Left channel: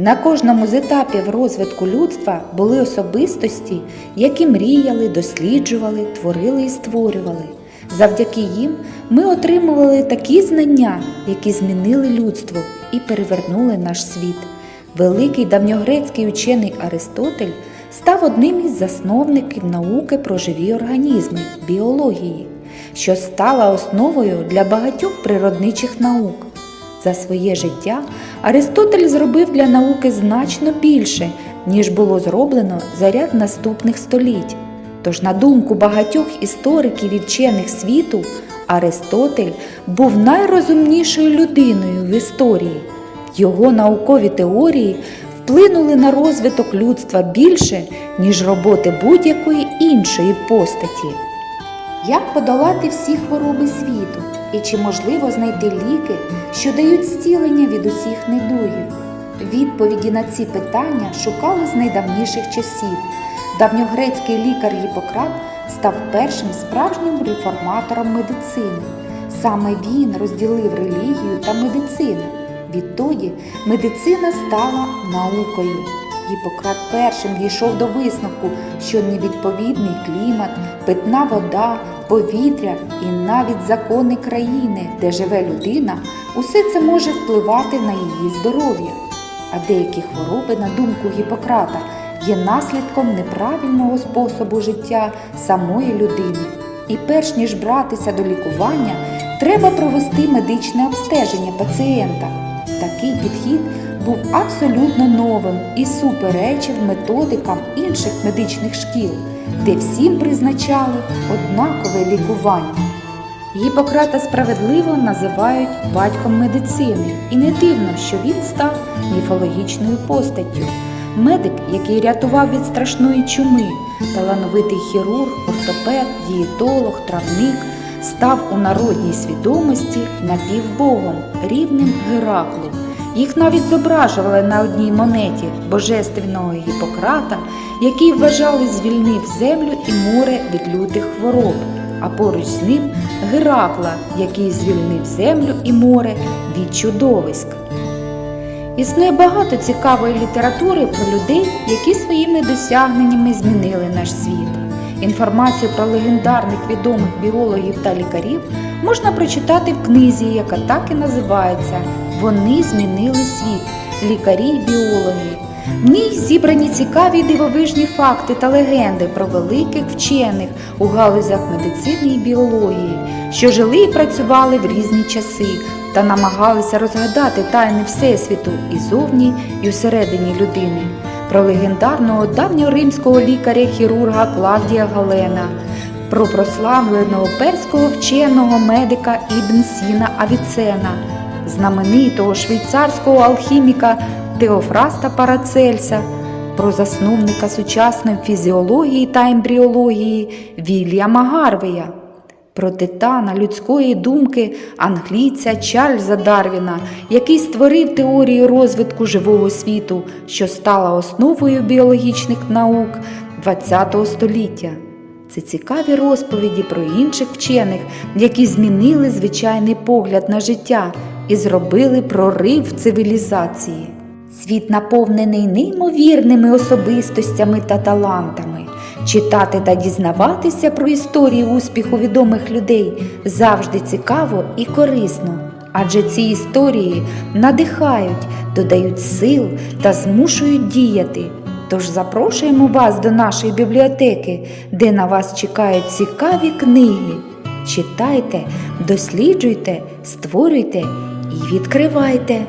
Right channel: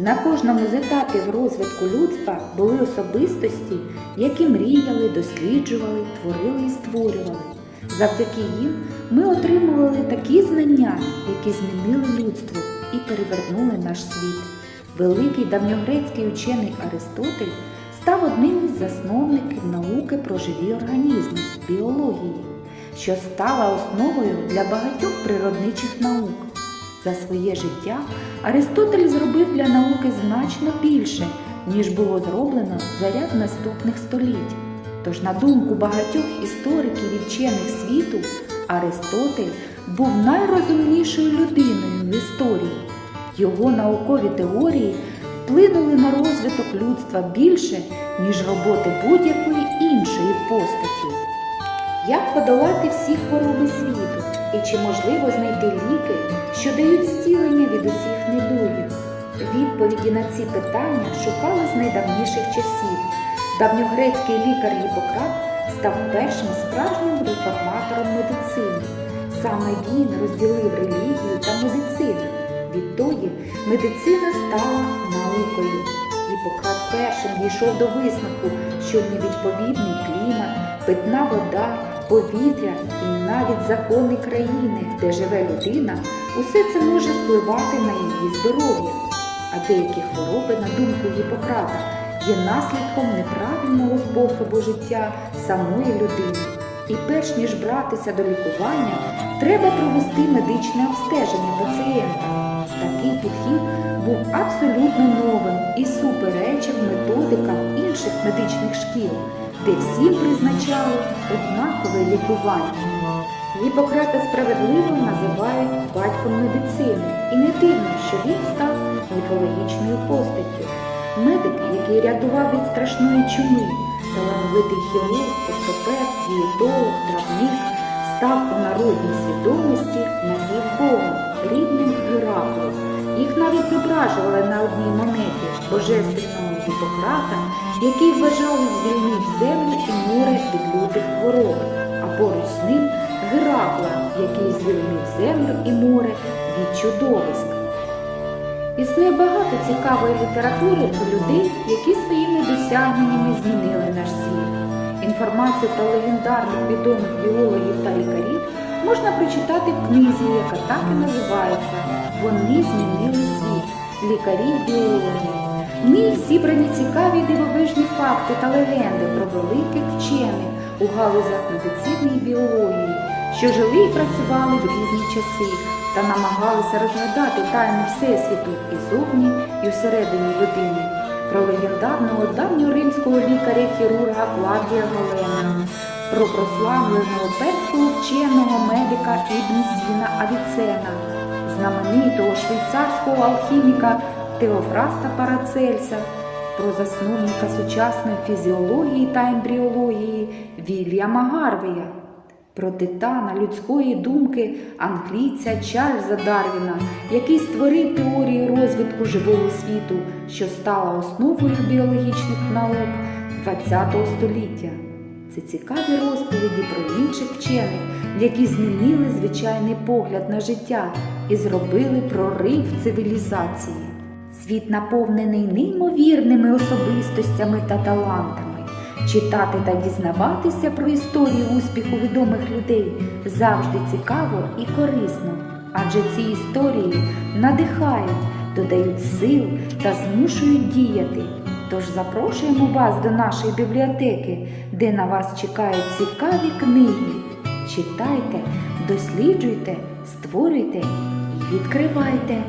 На кожному з етапів розвитку людства були особистості, які мріяли, досліджували, творили і створювали. Завдяки їм ми отримували такі знання, які змінили людство і перевернули наш світ. Великий давньогрецький учений Аристотель став одним із засновників науки про живі організми біології, що стала основою для багатьох природничих наук. За своє життя Аристотель зробив для науки значно більше, ніж було зроблено за ряд наступних століть. Тож, на думку багатьох істориків і вчених світу, Аристотель був найрозумнішою людиною в історії. Його наукові теорії вплинули на розвиток людства більше, ніж роботи будь-якої іншої постаті. Як подолати всі хвороби світу і чи можливо знайти ліки, що дають зцілення від усіх недугів? Відповіді на ці питання шукали з найдавніших часів. Давньогрецький лікар Гіппократ став першим справжнім реформатором медицини. Саме він розділив релігію та медицину. Відтоді медицина стала наукою. Гіппократ першим дійшов до висновку, що невідповідний клімат, питна вода, повітря і навіть закони країни, де живе людина, усе це може впливати на її здоров'я. А деякі хвороби, на думку Гіппократа, є наслідком неправильного способу життя самої людини. І перш ніж братися до лікування, треба провести медичне обстеження пацієнта. Такий підхід був абсолютно новим і суперечив методикам інших медичних шкіл, де всім призначали однакове лікування. Гіппократа справедливо називають батьком медицини, і не дивно, що він став міфологічною постаттю. Медик, який рятував від страшної чуми, талановитий хірург, ортопед, дієтолог, травник, став у народній свідомості напівбогом, рівним Гераклу. Їх навіть зображували на одній монеті божественного Гіппократа, який вважали звільнив землю і море від лютих хвороб, а поруч з ним Геракла, який звільнив землю і море від чудовиськ. Існує багато цікавої літератури про людей, які своїми досягненнями змінили наш світ. Інформацію про легендарних відомих біологів та лікарів можна прочитати в книзі, яка так і називається Вони змінили світ. Лікарі й біологи. В зібрані цікаві дивовижні факти та легенди про великих вчених у галузях медицини і біології, що жили і працювали в різні часи та намагалися розгадати тайни Всесвіту і зовні, і всередині людини. Про легендарного давньоримського лікаря-хірурга Клавдія Галена, про прославленого перського вченого медика Ібн Сіна Авіцена, знаменитого швейцарського алхіміка Теофраста Парацельса, про засновника сучасної фізіології та ембріології Вільяма Гарвея, про титана людської думки англійця Чарльза Дарвіна, який створив теорію розвитку живого світу, що стала основою біологічних наук ХХ століття. Це цікаві розповіді про інших вчених, які змінили звичайний погляд на життя і зробили прорив цивілізації. Світ наповнений неймовірними особистостями та талантами. Читати та дізнаватися про історії успіху відомих людей завжди цікаво і корисно, адже ці історії надихають, додають сил та змушують діяти. Тож запрошуємо вас до нашої бібліотеки, де на вас чекають цікаві книги. Читайте, досліджуйте, створюйте і відкривайте.